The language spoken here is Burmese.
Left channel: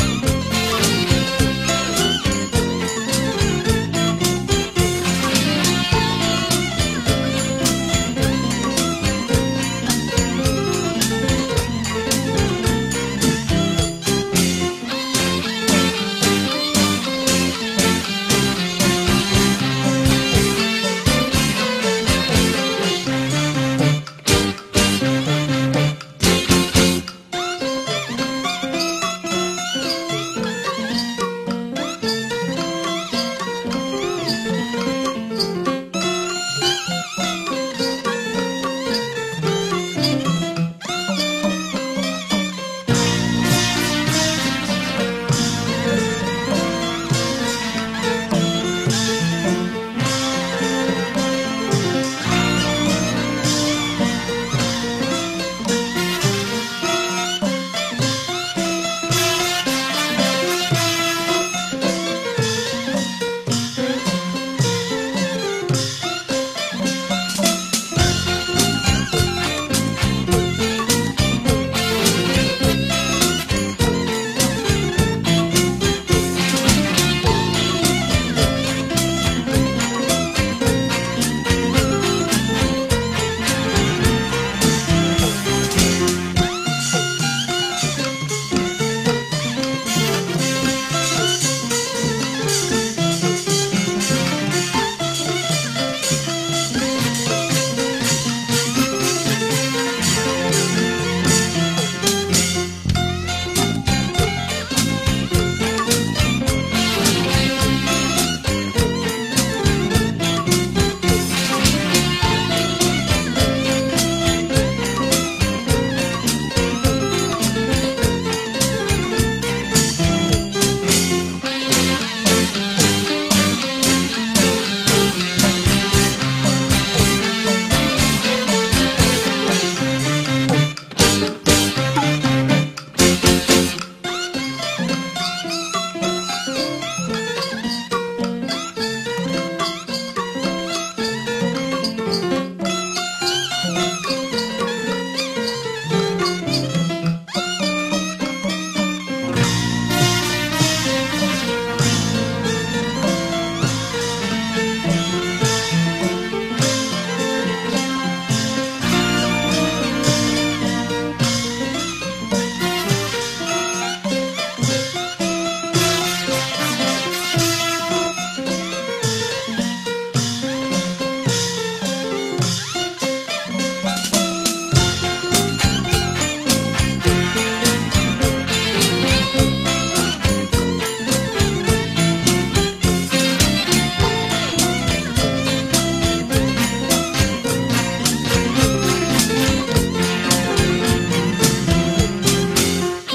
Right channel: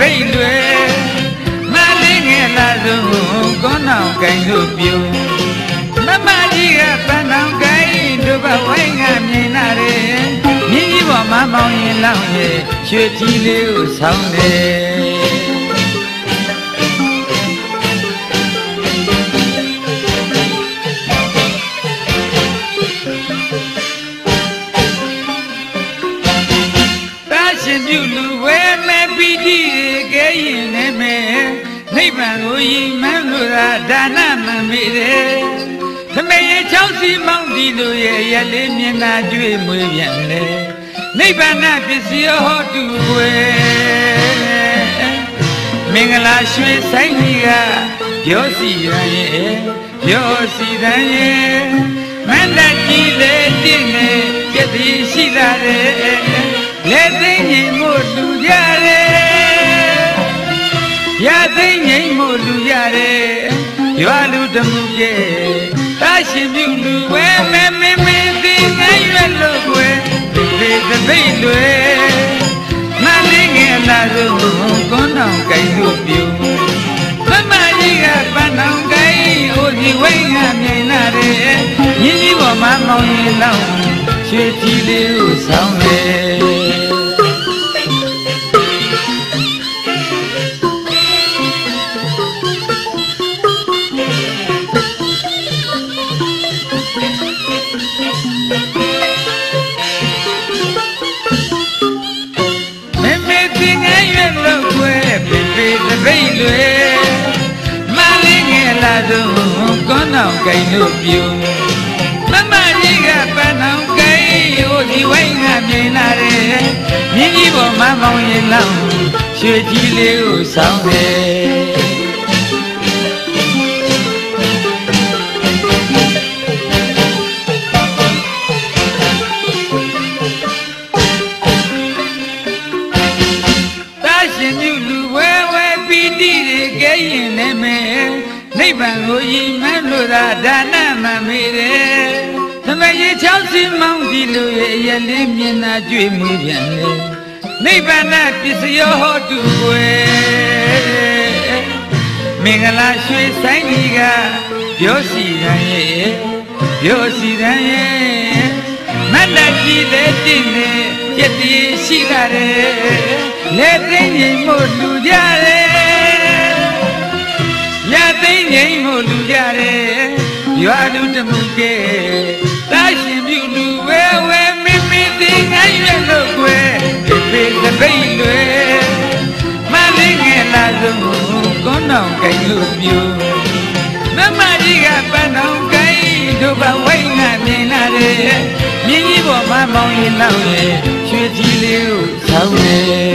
ပိတ်လွယ်မလေးငယ်လာဆုံးကောင်းအောင်ကိုင်လို့ပြုမမကြီးကပန်းအောင်ကိုင်တို့ဘဝိုင်းကမြင်လာတယ်မြင်းကြီးပေါ်မှာမောင်းရင်လောင်းရဲ့ရွှေကြီးလေးကိုဆောင်းတယ်ဒါနမမေတယ်ခမေရချောင်းစီမောင်းဒီလိုရဲ့ရလေးမျက်နှာတွေ့မွေးပြန်တယ်နိဗ္ဗာန်ပစ္စည်းဟောတူွယ်မင်္ဂလာရွှေဆိုင်ကြီးကပြောစီရန်ရဲ့ပြောစီရန်ရဲ့မန္တကြီးလေးတင့်နေပြည့်စည်ရှိလာတယ်လက်သိငြိမ်မို့လူရတယ်ရသိငြိမ်မို့လူရတယ်ရွာလူတမှုရဲ့တာရှင်မြူလူဝဲမဲမဲမဲဒီငယ်ရွယ်လို့ွယ်ဒီတပိတ်လွယ်မလေးငယ်လာလို့ကွန်းတော်ကိုင်လို့ပြုမမကြီးကပန်းတော်ကိုင်ဟိုဒီဝိုင်းကမြင်လာတယ်ရင်းကြီးပေါ်မှာမောင်းရင်လောက်ချွေကြီးလေးကိုဆောင်းတယ်ကိုင်လို့ပြုမမကြီးကပန်းအောင်ကိုင်ဟိုဒီဝိုင်းကမြင်လာတယ်မြင်းကြီးပေါ်မှာမောင်းရင်လောက်ရွှေကြီးလေးကိုဆောင်းတယ်တာရှင်မြူလူဝဲဝဲပီတိတွေကဲရင်လည်းမဲ့နိဗ္ဗာန်ကိုရည်မှန်းလို့သာဒါနမမေတယ်သမယေချောင်းစီမောင်းဒီလိုရဲ့ရလေးမျက်နှာတွေ့မိပြန်တယ်နိဗ္ဗာန်ပစ္စည်းဟောတူွယ်မင်္ဂလာရွှေဆိုင်ကြီးကပြောစီရန်ရဲ့ပြောစီရန်ရဲ့မန္တကြီးလေးတင့်နေပြည့်စည်ရှိလာတယ်လက်သိငြိမ်မို့လူကြတယ်ရသိငြိမ်မို့လူကြတယ်ရွာလူတမှုကဲတာရှင်မြူလူဝဲဝဲမင်းမင်းသိငိုင်းရလို့ွယ်ဒီတပိတ်လွယ်မလေးငယ်လာဆုံးကွန်းတော်ကိုင်လို့ပြုမမကြီးကပန်းတော်ကိုင်တို့ဘဝိုင်းကမြင်လာတယ်မြင်းကြီးပေါ်မှာမောင်းရင်လောက်ရဲ့ရွှေကြီးလေးကိုဆောင်းတယ်